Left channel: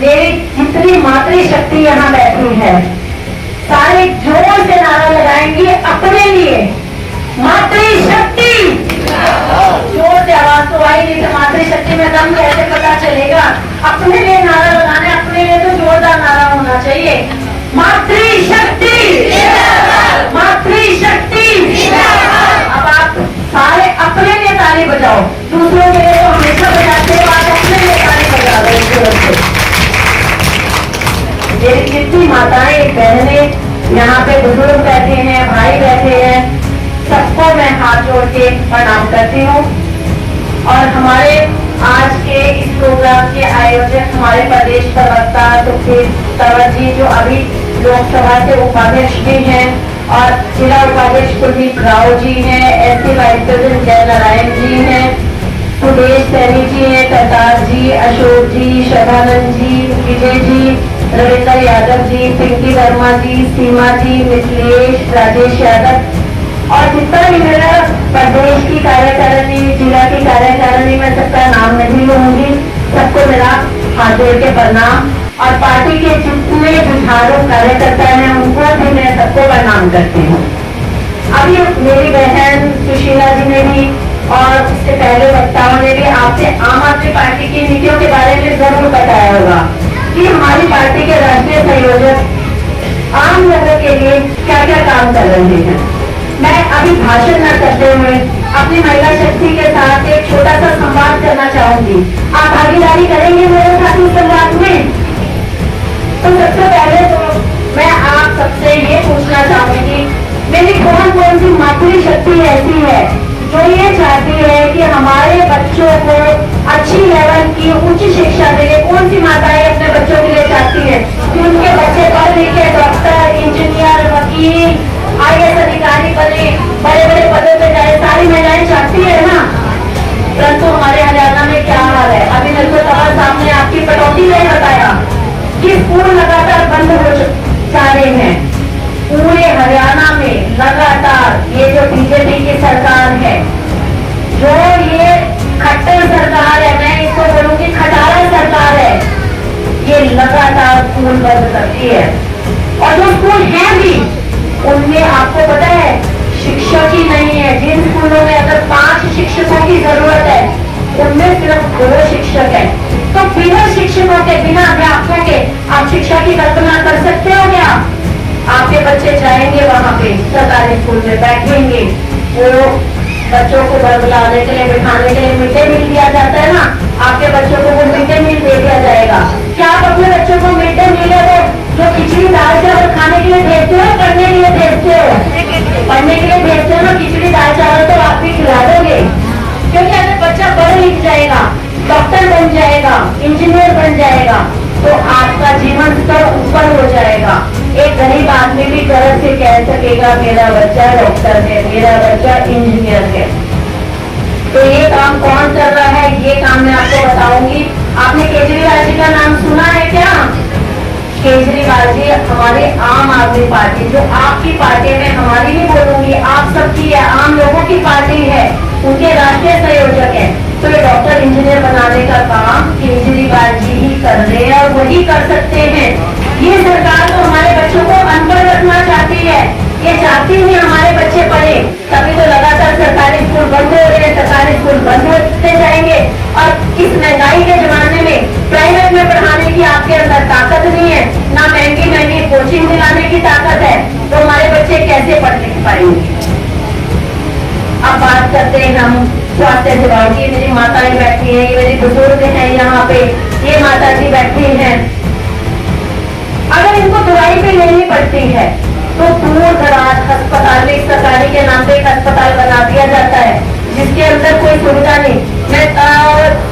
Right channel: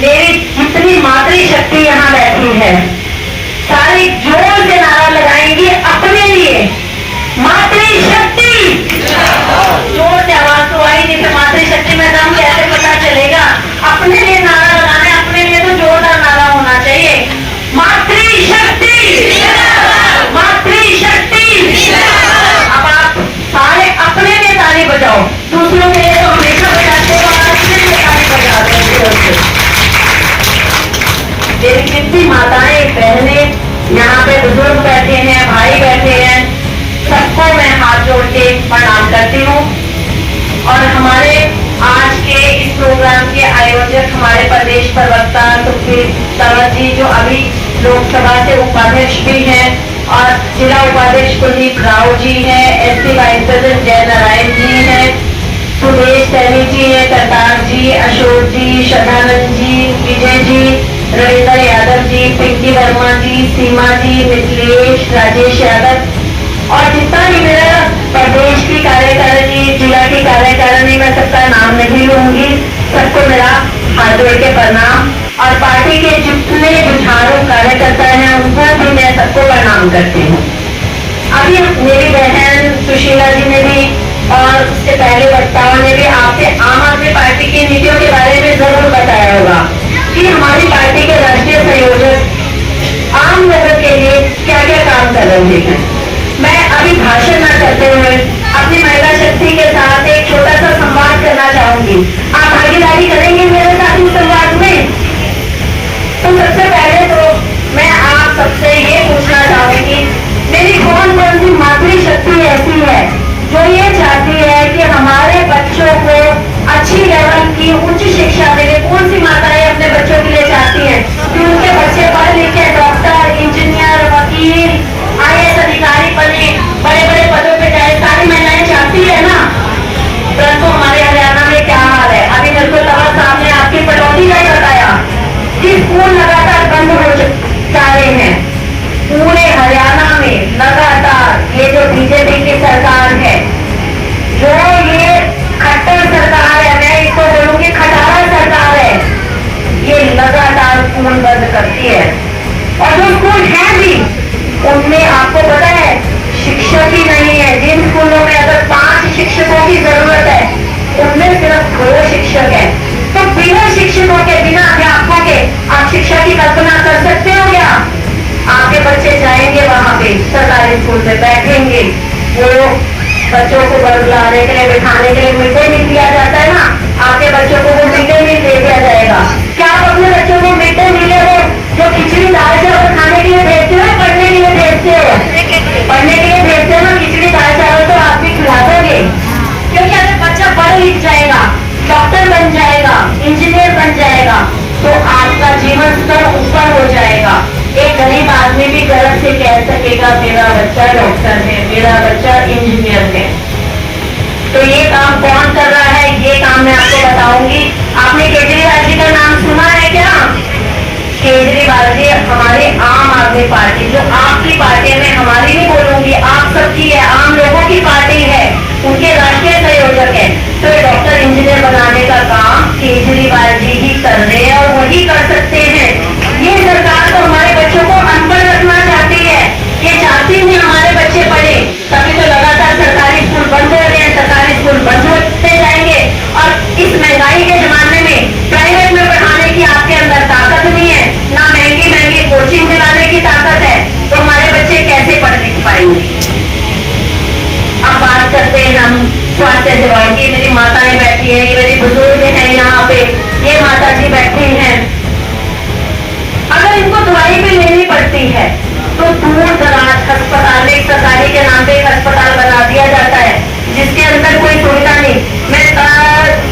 मेरी जितनी मातृशक्ति यहाँ बैठी है, सारे जोर से नारा लगाएंगे अपने लिए, मातृशक्ति। जोर से आवाज तो आई नहीं, तो मातृशक्ति में दम कैसे पता चलेगा? अपने लिए नारा लगाना है, अपने लिए तो जोरदार नारा होना चाहिए। मातृशक्ति, मातृशक्ति। अब आप सारे अपने लिए ताली बजाओ, दूसरों के लिए तो हमेशा बजाते हैं, आप अपने लिए ताली बजा दो। मेरी कितनी माताएं बहनें यहाँ पे, बुजुर्ग बैठे हैं, भाई बैठे हैं, सबको मैं हाथ जोड़ के प्रणाम करती हूँ। और हमारे आज के इस प्रोग्राम के आयोजक हमारे प्रदेश प्रवक्ता सुखबीर तंवर जी, जो अभी लोकसभा से उपाध्यक्ष भी हैं, और जिला उपाध्यक्ष कुलदीप राव जी हैं, एसपी वाइस प्रेसिडेंट जय नारायण जी हैं, सुदेश सैनी जी हैं, करतार जी, अशोक जी, श्रद्धानंद जी, विजय जी, रविंद्र यादव जी, पिंकी वर्मा जी, सीमा जी, मिथिलेश, राजेश यादव, और जितना भी मेरा प्रदेश की कार्यकारिणी, जिला की कार्यकारिणी, मैं सबका नाम नहीं लूंगी, सबको मेरा हाथ जोड़ के प्रणाम। और पार्टी के जितने जुझारू कार्यकर्ता हैं उनको भी मैं सबको प्रणाम करती हूँ। अभी मेरी बहन सुशीला जी ने भी और उससे पहले वक्ताओं ने भी आपसे आम आदमी पार्टी की नीतियों के बारे में जरूर बताया होगा कि हमारी पार्टी के राष्ट्रीय संयोजक आम लोगों के लिए क्या क्या काम कर रहे हैं। मैं अभी भाषण न करते हुए अपनी महिला शक्ति के साथ एक छोटा सा संवाद करना चाहूंगी। आप भागीदारी करेंगे मेरे साथ इस संवाद में? तो सबसे पहले तो मैं आप सबसे ये पूछना चाहूंगी, मेरी कौन कौन सी मातृशक्ति ऐसी है जो ये चाहती है कि हमारे बच्चों को अच्छी लेवल की उच्च शिक्षा मिले? कौन सी माताएं अपने बच्चों के लिए चाहती है कि उनके बच्चे पढ़ लिखे डॉक्टर, इंजीनियर, वकील, IAS अधिकारी बने, बड़े बड़े पदों पे जाए? सारी महिलाएं चाहती है ना। परंतु हमारे हरियाणा में क्या हाल है? अभी मेरे को तंवर साहब ने आपकी कटौती नहीं बताया कि स्कूल लगातार बंद हो जा रहे हैं पूरे हरियाणा में लगातार। ये जो बीजेपी की सरकार है, जो ये खट्टर सरकार है, मैं इसको बोलूंगी खटारा सरकार है, ये लगातार स्कूल बंद करती है। और जो स्कूल है भी उनमें आपको पता है शिक्षक ही नहीं है। जिन स्कूलों में अगर 5 शिक्षकों की जरूरत है उनमें सिर्फ 2 शिक्षक है। तो बिना शिक्षकों के, बिना अध्यापकों के आप शिक्षा की कल्पना कर सकते हो क्या? आपके बच्चे जाएंगे वहां पे सरकारी स्कूल में, बैठेंगे, वो बच्चों को बुलाने के लिए, बिठाने के लिए मिड डे मील दिया जाता है ना, आपके बच्चों को वो मिड डे मील दे दिया जाएगा। क्या आप अपने बच्चों को मिड डे मील जो खिचड़ी दाल चावल खाने के लिए भेजते हो, पढ़ने के लिए भेजते हो? पढ़ने के लिए भेजते हो ना, खिचड़ी दाल चावल तो आप भी खिला दोगे, क्योंकि अगर बच्चा पढ़ लिख जाएगा, डॉक्टर बन जाएगा, इंजीनियर बन जाएगा, तो आपका जीवन स्तर ऊपर हो जाएगा। एक गरीब आदमी भी गर्व से कह सकेगा मेरा बच्चा डॉक्टर है, मेरा बच्चा इंजीनियर है। तो ये काम कौन कर रहा है, ये काम मैं आपको बताऊंगी। आपने केजरीवाल जी का नाम सुना है क्या? केजरीवाल जी हमारी आम आदमी पार्टी, जो आपकी पार्टी में, हमारी नहीं बोलूंगी, आप सबकी है, आम लोगों की पार्टी है, उनके राष्ट्रीय संयोजक है। तो ये डॉक्टर इंजीनियर बनाने का काम केजरीवाल जी ही कर रहे हैं और वही कर सकते हैं। ये सरकार तो हमारे बच्चों को अनपढ़ रखना चाहती है, ये चाहती है हमारे बच्चे पढ़े, तभी तो लगातार सरकारी स्कूल बंद हो रहे हैं, सरकारी स्कूल बंद होते जाएंगे। और इस महंगाई के जमाने में प्राइवेट में पढ़ाने की आपके अंदर ताकत नहीं है, ना महंगी महंगी कोचिंग दिलाने की ताकत है, तो हमारे बच्चे कैसे पढ़ लिख पाएंगे? अब बात करते हैं हम स्वास्थ्य सेवा की। मेरी माताएं बैठी हैं, ये मेरी बुजुर्ग हैं यहाँ पे, ये माता जी बैठी हैं। अगर इनको दवाई भी लेनी पड़ती है तो दूर दराज अस्पताल, एक सरकारी के नाम पे एक अस्पताल बना दिया जाता है जिसके अंदर कोई सुविधा नहीं। मैं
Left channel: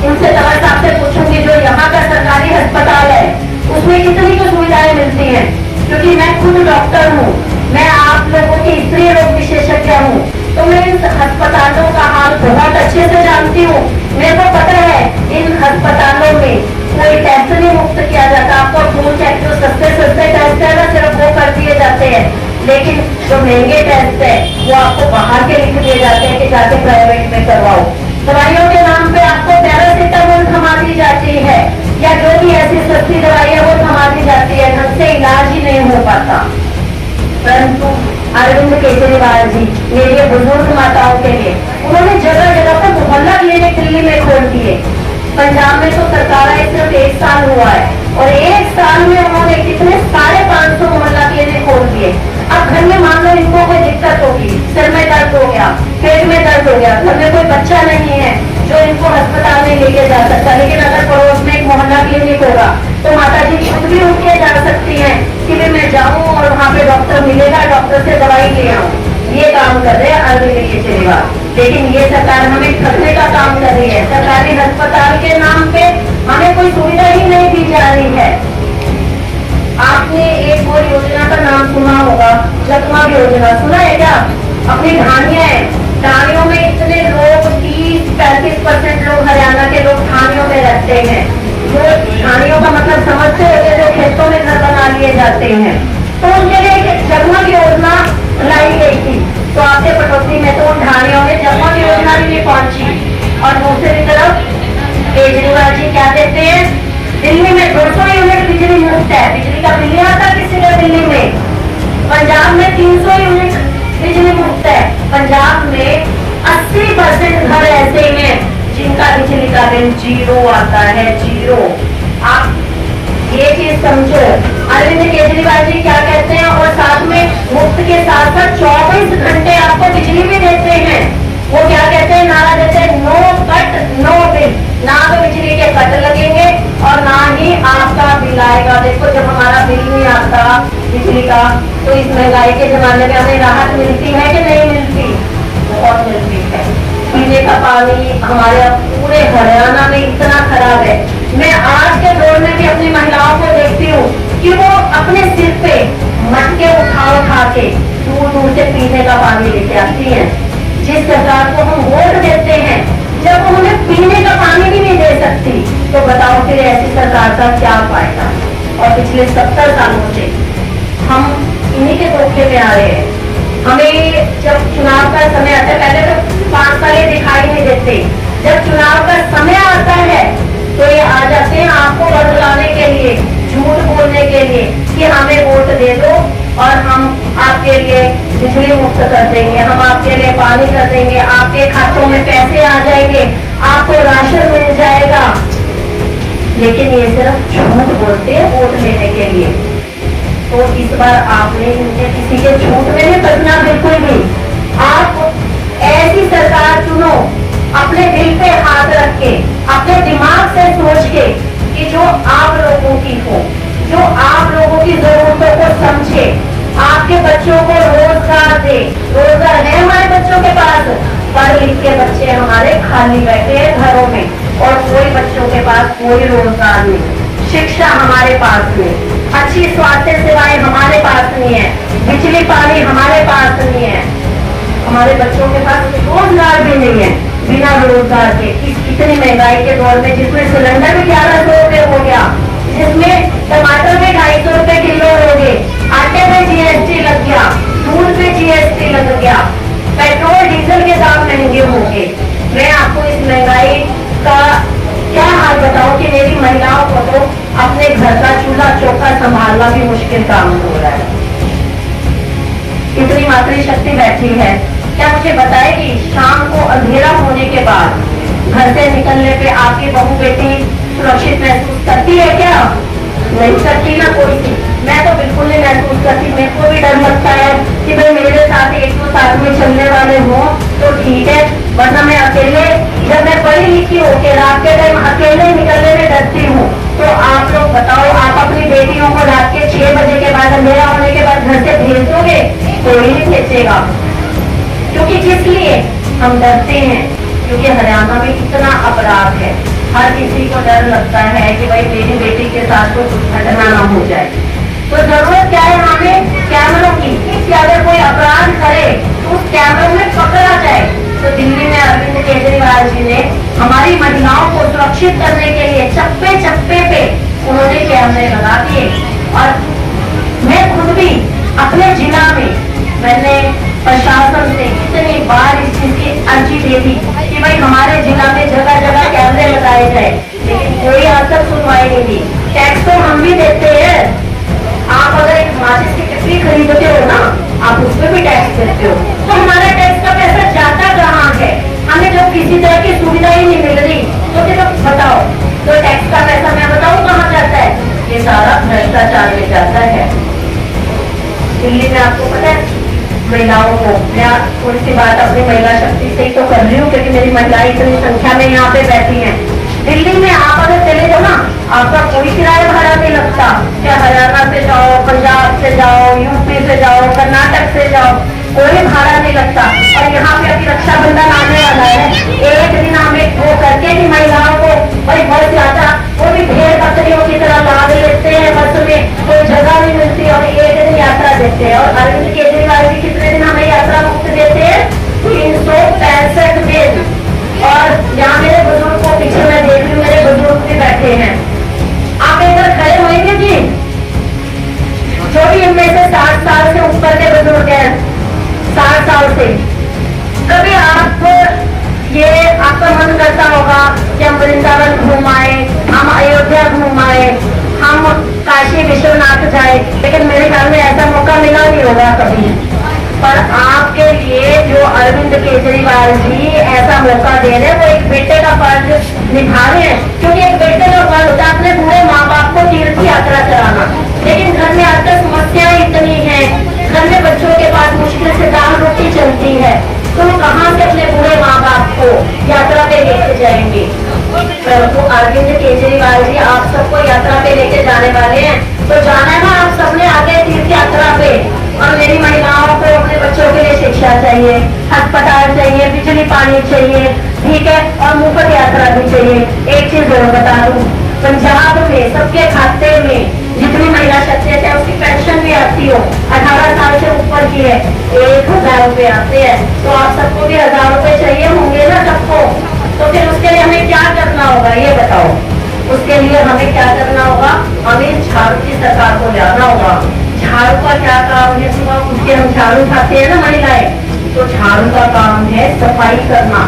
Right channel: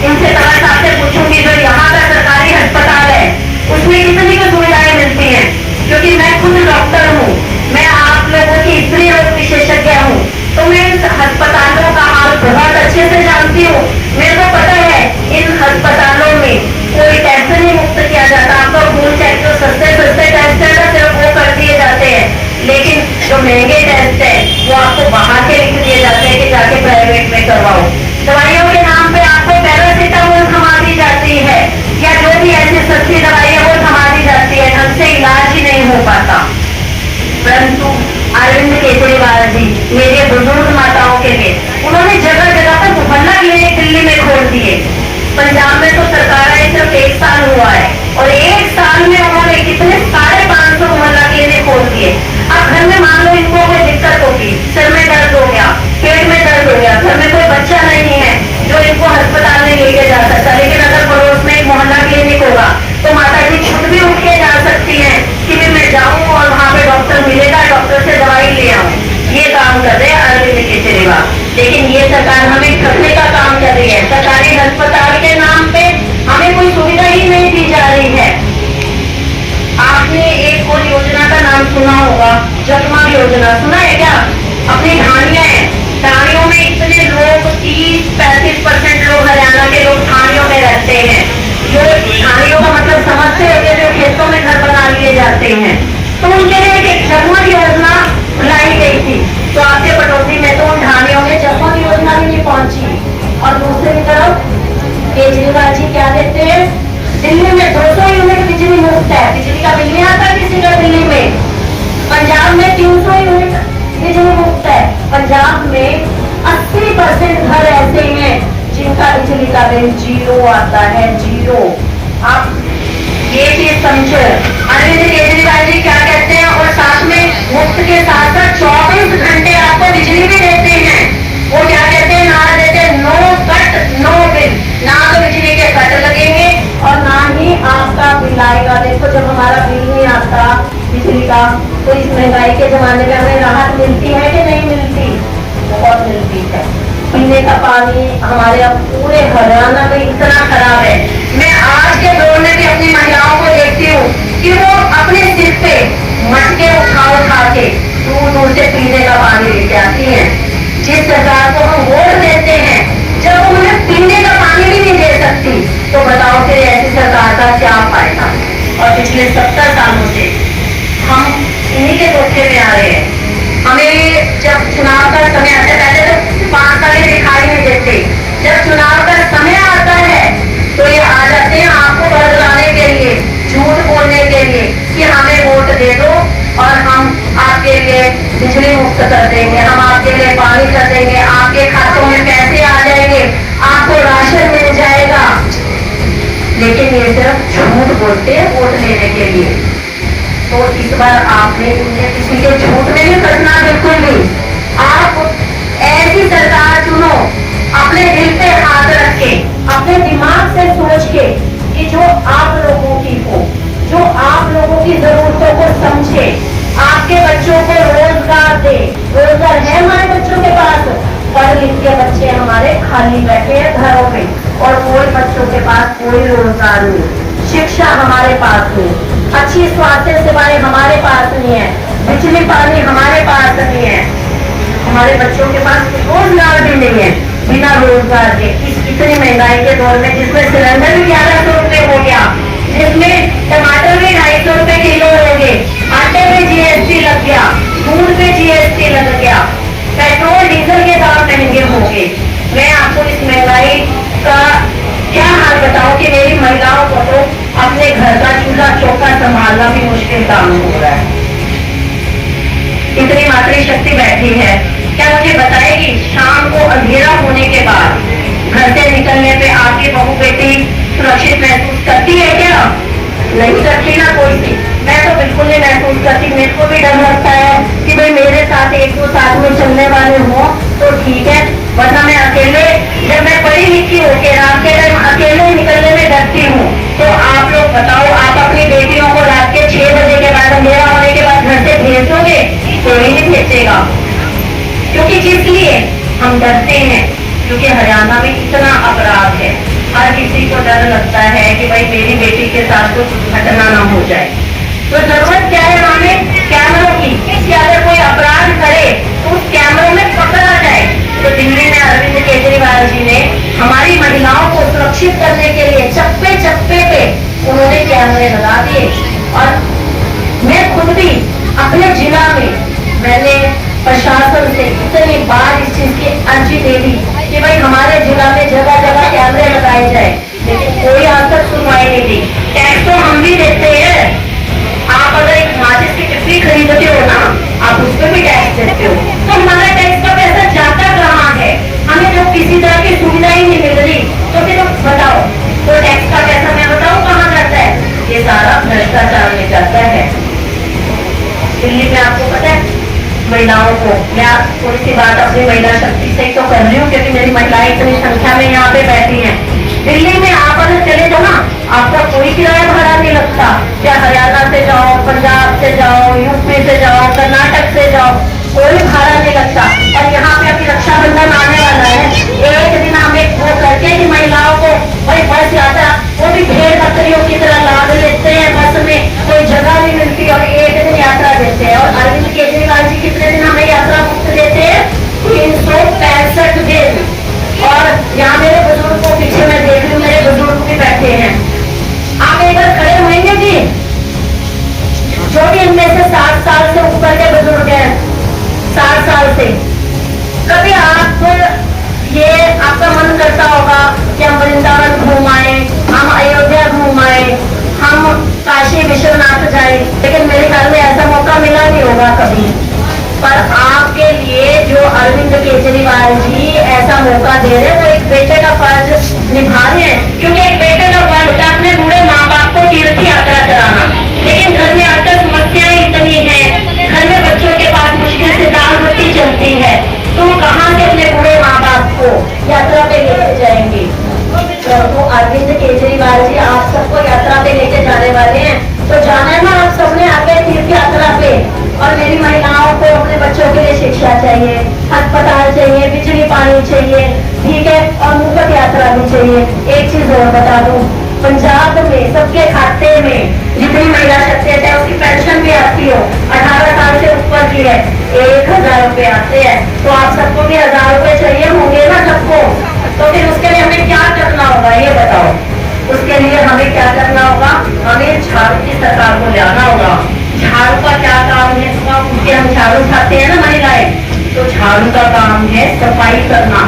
इनसे तंवर साहब से पूछूंगी जो यहाँ का सरकारी अस्पताल है उसमें कितनी को सुविधाएं मिलती हैं? क्योंकि मैं खुद डॉक्टर हूँ, मैं आप लोगों की स्त्री रोग विशेषज्ञ हूँ, तो मैं इन अस्पतालों का हाल बहुत अच्छे से जानती हूँ। मेरे को पता है इन अस्पतालों में कोई टेस्ट नहीं मुफ्त किया जाता। आपका खून चेक जो सस्ते टेस्ट है ना, सिर्फ वो कर दिए जाते हैं, लेकिन जो महंगे टेस्ट है वो आपको बाहर के लिख दिए जाते हैं कि जाके प्राइवेट में करवाओ। दवाइयों के नाम पे आपको पैरासिटामोल थमा दी जाती है, या जो भी ऐसी सस्ती दवाई है वो थमा दी जाती है, ढंग से इलाज ही नहीं हो पाता। परंतु अरविंद केजरीवाल जी मेरे बुजुर्ग माताओं के लिए उन्होंने जगह जगह पर मोहल्ला क्लिनिक दिल्ली में खोल दिए। पंजाब में तो सरकार आई सिर्फ 1 साल हुआ है और 1 साल में उन्होंने कितने 550 मोहल्ला क्लिनिक खोल दिए। अब घर में मान लो इनको कोई दिक्कत होगी, सिर में दर्द हो गया, पेट में दर्द हो गया, घर में कोई बच्चा नहीं है जो इनको अस्पताल में लेके जा सकता, लेकिन अगर पड़ोस में एक मोहल्ला क्लिनिक होगा तो माता जी खुद भी उठ के जा सकती हैं कि भी मैं जाऊं और वहां पे डॉक्टर मिलेगा, डॉक्टर से दवाई ले आऊं। ये काम कर रहे हैं अरविंद केजरीवाल। लेकिन ये सरकार हमें ठगने का काम कर रही है। सरकारी अस्पताल के नाम पे हमें कोई सुविधा ही नहीं दी जा रही है। आपने एक और योजना का नाम सुना होगा, जगमग योजना, सुना है क्या? अपनी ढानियां हैं, ढानियों में इतने लोग 30-35% लोग हरियाणा के लोग ढानियों में रहते हैं। जो ढानियों का मतलब समझते होंगे, जो खेतों में घर बना लिए जाते हैं, तो उनके लिए एक जगमग योजना लाई गई थी। तो आपके पटौदी में तो उन ढानियों में जगमग योजना भी नहीं पहुंची। और दूसरी तरफ केजरीवाल जी क्या देते हैं, दिल्ली में 200 यूनिट बिजली मुफ्त है, बिजली का बिल नहीं आता किसी का दिल्ली में। पंजाब में 300 यूनिट बिजली मुफ्त है। पंजाब में 80% घर ऐसे हैं जिनका बिजली का बिल 0 आता है, 0। आप ये चीज समझो। अरविंद केजरीवाल जी क्या कहते हैं, और साथ में मुफ्त के साथ साथ 24 घंटे आपको बिजली भी देते हैं। वो क्या कहते हैं, नारा देते हैं, नो कट नो बिल, ना तो बिजली के कट लगेंगे और ना ही आपका बिल आएगा। देखो जब हमारा बिल नहीं आता बिजली का तो इस महंगाई के जमाने में हमें राहत मिलती है कि नहीं मिलती? बहुत मिलती है। पीने का पानी हमारे अब पूरे हरियाणा में इतना खराब है। मैं आज के दौर में भी अपनी महिलाओं को देखती हूँ कि वो अपने सिर पे मटके उठा के दूर दूर से पीने का पानी लेके आती हैं। जिस सरकार को हम वोट देते हैं, जब उन्हें पीने का पानी भी नहीं दे सकती, तो बताओ फिर ऐसी सरकार का क्या फायदा? और पिछले 70 सालों से हम इन्हीं के धोखे में आ रहे हैं। हमें जब चुनाव का समय आता है, पहले तो 5 साल दिखाई नहीं देते, जब चुनाव का समय आता है तो ये आ जाते हैं आपको बदलाने के लिए, झूठ बोलने के लिए कि हमें वोट दे दो और हम आपके लिए बिजली मुफ्त कर देंगे, हम आपके लिए पानी कर देंगे, आपके खातों में पैसे आ जाएंगे, आपको राशन मिल जाएगा। लेकिन ये सिर्फ झूठ बोलते हैं वोट लेने के लिए। तो इस बार आपने किसी के झूठ में नहीं फंसना, बिल्कुल भी। आप ऐसी सरकार चुनो अपने दिल पे हाथ रख के, अपने दिमाग से सोच के कि जो आप लोगों की हो, जो आप लोगों की जरूरतों को समझे, आपके बच्चों को रोजगार दे। रोजगार है हमारे बच्चों के पास, पढ़ लिख के बच्चे हमारे खाली बैठे हैं घरों में और कोई बच्चों के पास कोई रोजगार नहीं। शिक्षा हमारे पास नहीं, अच्छी स्वास्थ्य सेवाएं हमारे पास नहीं है, बिजली पानी हमारे पास नहीं है, हमारे बच्चों के पास रोजगार भी नहीं है। बिना रोजगार के इस इतनी महंगाई के दौर में, जिसमें सिलेंडर भी 1100 रुपए हो गया, जिसमें टमाटर भी 250 रुपए किलो हो गए, आटे पे जीएसटी लग गया, दूध पे जीएसटी लग गया, पेट्रोल डीजल के दाम महंगे हो गए। मैं आपको इस महंगाई का क्या हाल बताऊं कि मेरी महिलाओं को तो अपने घर का चूल्हा चौका संभालना भी मुश्किल काम हो रहा है। इतनी मातृशक्ति बैठी है, क्या मुझे बताएगी शाम को अंधेरा होने के बाद घर से निकलने पे आपकी बहू बेटी सुरक्षित महसूस करती है क्या? नहीं करती ना कोई सी। मैं तो बिल्कुल नहीं महसूस करती। मेरे को भी डर लगता है कि भाई मेरे साथ एक दो साथ में चलने वाले हों तो ठीक है, वरना मैं अकेले, जब मैं पढ़ी लिखी होकर रात के टाइम अकेले निकलने में डरती हूँ। तो आप लोग बताओ, आप अपनी बेटियों को रात के 6 बजे के बाद, अंधेरा होने के बाद घर से भेज दोगे? कोई नहीं भेजेगा। क्योंकि जिस लिए हम डरते हैं, क्योंकि हरियाणा में इतना अपराध है, हर किसी को डर लगता है कि भाई मेरी बेटी के साथ कुछ घटना ना हो जाए। तो जरूरत क्या है हमें? कैमरों की, कि अगर कोई अपराध करे तो उस कैमरों में पकड़ा जाए। तो दिल्ली में अरविंद केजरीवाल जी ने हमारी महिलाओं को सुरक्षित करने के लिए चप्पे चप्पे पे उन्होंने कैमरे लगा दिए। और मैं खुद भी अपने जिला में मैंने प्रशासन से इतनी बार इस चीज की अर्जी दे दी कि भाई हमारे जिला में जगह जगह कैमरे लगाए जाए, लेकिन कोई आज तक सुनवाई नहीं दी। टैक्स तो हम भी देते हैं। आप अगर एक माचिस की कितनी खरीदते हो ना, आप उस पर भी टैक्स देते हो। तो हमारा टैक्स का पैसा जाता कहाँ है? हमें जब किसी तरह की सुविधा ही नहीं मिल रही तो फिर बताओ, तो टैक्स का पैसा मैं बताऊँ कहाँ जाता है? ये सारा भ्रष्टाचार में जाता है। दिल्ली में आपको पता है, महिलाओं को, मैं थोड़ी सी बात अपनी महिला शक्ति से ही तो कर रही हूँ क्योंकि मेरी महिलाएं इतनी संख्या में यहाँ पे बैठी हैं। दिल्ली में आप अगर चले जाओ ना, आपका कोई किराया भाड़ा नहीं लगता। चाहे हरियाणा से जाओ, पंजाब से जाओ, यूपी से जाओ, कर्नाटक से जाओ, कोई भाड़ा नहीं लगता। और यहाँ पे अभी रक्षाबंधन आने वाला है, एक दिन हम एक वो करते हैं कि महिलाओं को भाई बस यात्रा, वो भी भेड़ बकरियों की तरह लाद लेते हैं बस में, कोई जगह नहीं मिलती और एक दिन यात्रा देते हैं। और अरविंद केजरीवाल जी कितने दिन हमें यात्रा मुक्त देते हैं? 365 दिन। और यहाँ मेरे बुजुर्ग को पीछे मैं देख रही हूँ, मेरे बुजुर्ग भी बैठे हैं। आप एक बार खड़े होंगे जी, जो भी इनमें से 60 साल से ऊपर के बुजुर्ग हैं, 60 साल से, कभी आप ये आपका मन करता होगा कि हम वृंदावन घूम आए, हम अयोध्या घूम आए, हम काशी विश्वनाथ जाए, लेकिन मेरे ख्याल में ऐसा मौका मिला नहीं होगा कभी। पर आपके लिए जो अरविंद केजरीवाल जी ऐसा मौका दे रहे हैं, वो एक बेटे का फर्ज निभा रहे हैं। क्योंकि एक बेटे का फर्ज होता है अपने बूढ़े माँ बाप को तीर्थ यात्रा कराना, लेकिन घर में आकर समस्याएं इतनी हैं, घर में बच्चों के पास मुश्किल से दाल रोटी चलती है, तो कहाँ से अपने बूढ़े माँ बाप को यात्रा पे लेके जाएंगे? तो अरविंद केजरीवाल जी आप सबको यात्रा पे लेके जाने वाले हैं, तो जाना है ना आप सबने आगे तीर्थ यात्रा पे। और मेरी महिलाओं को अपने बच्चों के लिए शिक्षा चाहिए, अस्पताल चाहिए, बिजली पानी चाहिए, ठीक है, और मुफ्त यात्रा भी चाहिए। एक चीज और बता दूं, पंजाब में सबके खाते में जितनी महिला शक्ति है उसकी पेंशन भी आती हो, 18 साल से ऊपर की है, 1000 रुपए आते हैं। तो आप सबको भी 1000 रुपए चाहिए होंगे ना सबको, तो फिर उसके लिए हमें क्या करना होगा ये बताओ? उसके लिए हमें क्या करना होगा? हमें झाड़ू की सरकार को लाना होगा। झाड़ू का क्या काम है? उसके हम झाड़ू खाते हैं ना महिलाएं, तो झाड़ू का काम है सफाई करना।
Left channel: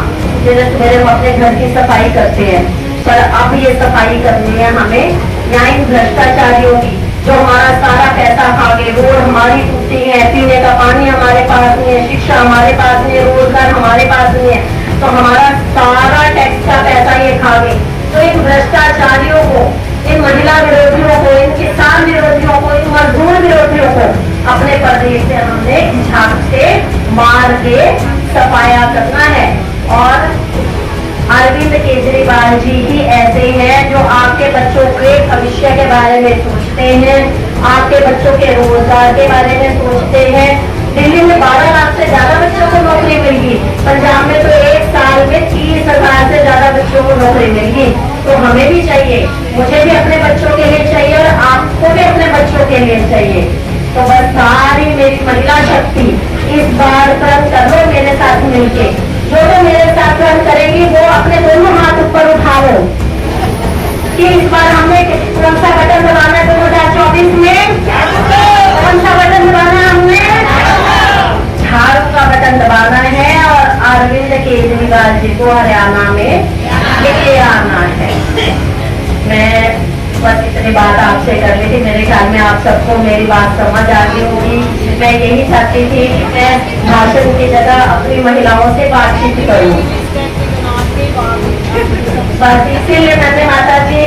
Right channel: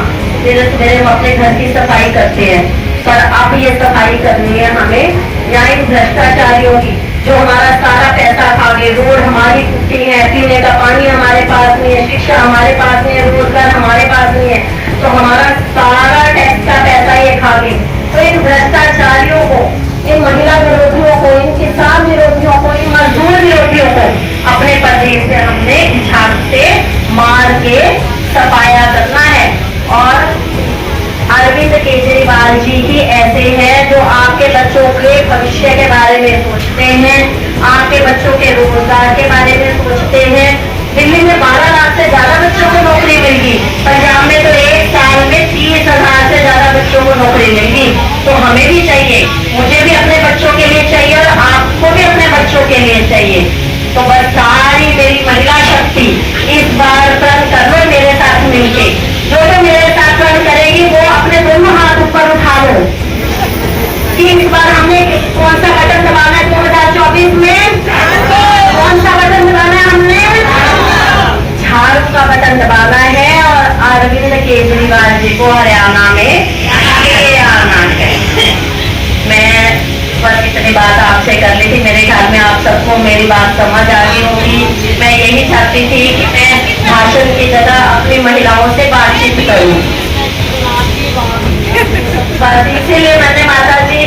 मेरे हम अपने घर की सफाई करते हैं, पर अब ये सफाई करनी है हमें यहाँ इन भ्रष्टाचारियों की, जो हमारा सारा पैसा खा गए। रोड हमारी टूटी है, पीने का पानी हमारे पास नहीं है, शिक्षा हमारे पास नहीं है, रोजगार हमारे पास नहीं है, तो हमारा सारा टैक्स का पैसा ये खा गए। तो इन भ्रष्टाचारियों को, इन महिला विरोधियों को, इन किसान विरोधियों को, इन मजदूर विरोधियों को अपने प्रदेश से हमने झाड़ से मार के सफाया करना है। और अरविंद केजरीवाल जी ही ऐसे हैं जो आपके बच्चों के भविष्य के बारे में सोचते हैं, आपके बच्चों के रोजगार के बारे में सोचते हैं। दिल्ली में 12 लाख से ज्यादा बच्चों को नौकरी मिलेगी, पंजाब में तो एक साल में 30,000 से ज्यादा बच्चों को नौकरी मिलेगी। तो हमें भी चाहिए, मुझे भी अपने बच्चों के लिए चाहिए और आपको भी अपने बच्चों के लिए चाहिए। तो बस सारी मेरी महिला शक्ति इस बार कर लो मेरे साथ मिलके। जो मेरे साथ रन करेगी वो अपने दोनों हाथ ऊपर उठा लो कि इस बार हमने कौन सा बटन दबाना है 2024 में? कौन सा बटन दबाना है? हमने झाड़ू का बटन दबाना है और अरविंद केजरीवाल जी को हरियाणा में लेके आना है। मैं बस इतनी बात आपसे कर ली थी, मेरे ख्याल में आप सबको मेरी बात समझ आ गई होगी। मैं यही चाहती थी कि मैं भाषण की जगह अपनी महिलाओं से बातचीत करूं, बस इसीलिए मैंने माता जी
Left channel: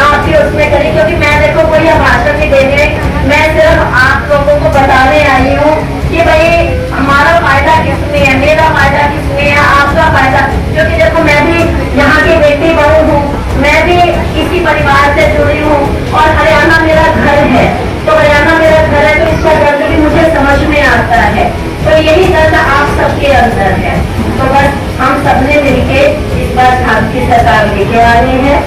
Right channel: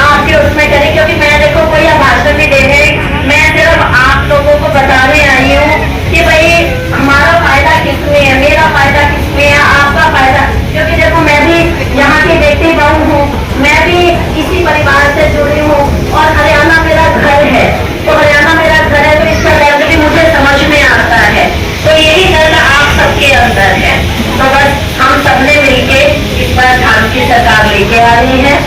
आपके उसमें करी, क्योंकि मैं देखो कोई भाषण नहीं देने, मैं सिर्फ आप लोगों को बताने आई हूँ कि भाई हमारा फायदा किसमें है, मेरा फायदा किसमें है, आपका फायदा। क्योंकि देखो मैं भी यहाँ की बेटी बहू हूँ, मैं भी इसी परिवार से जुड़ी हूँ और हरियाणा मेरा घर है। तो हरियाणा मेरा घर है तो इसका दर्द भी मुझे समझ में आता है। तो यही दर्द आप सबके अंदर है। तो बस हम सबने मिलके इस बार झाड़ू की सरकार लेके आ रही है।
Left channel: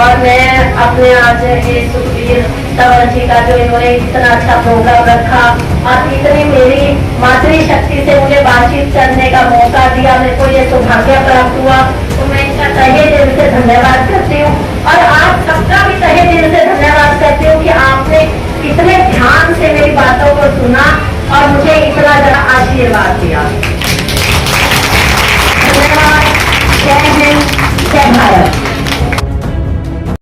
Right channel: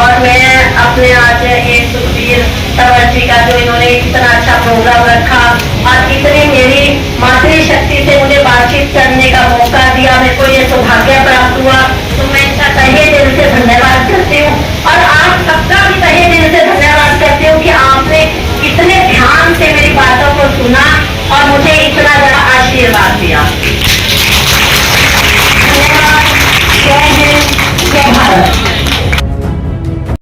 और मैं अपने आज एक सुखबीर तंवर जी का जो इन्होंने इतना अच्छा प्रोग्राम रखा और इतनी मेरी मातृशक्ति से मुझे बातचीत करने का मौका दिया, मेरे को ये सौभाग्य प्राप्त हुआ, तो मैं इनका तहे दिल से धन्यवाद करती हूँ। और आप सबका भी तहे दिल से धन्यवाद करती हूँ कि आपने इतने ध्यान से मेरी बातों को सुना और मुझे इतना बड़ा आशीर्वाद दिया। धन्यवाद। जय हिंद, जय भारत।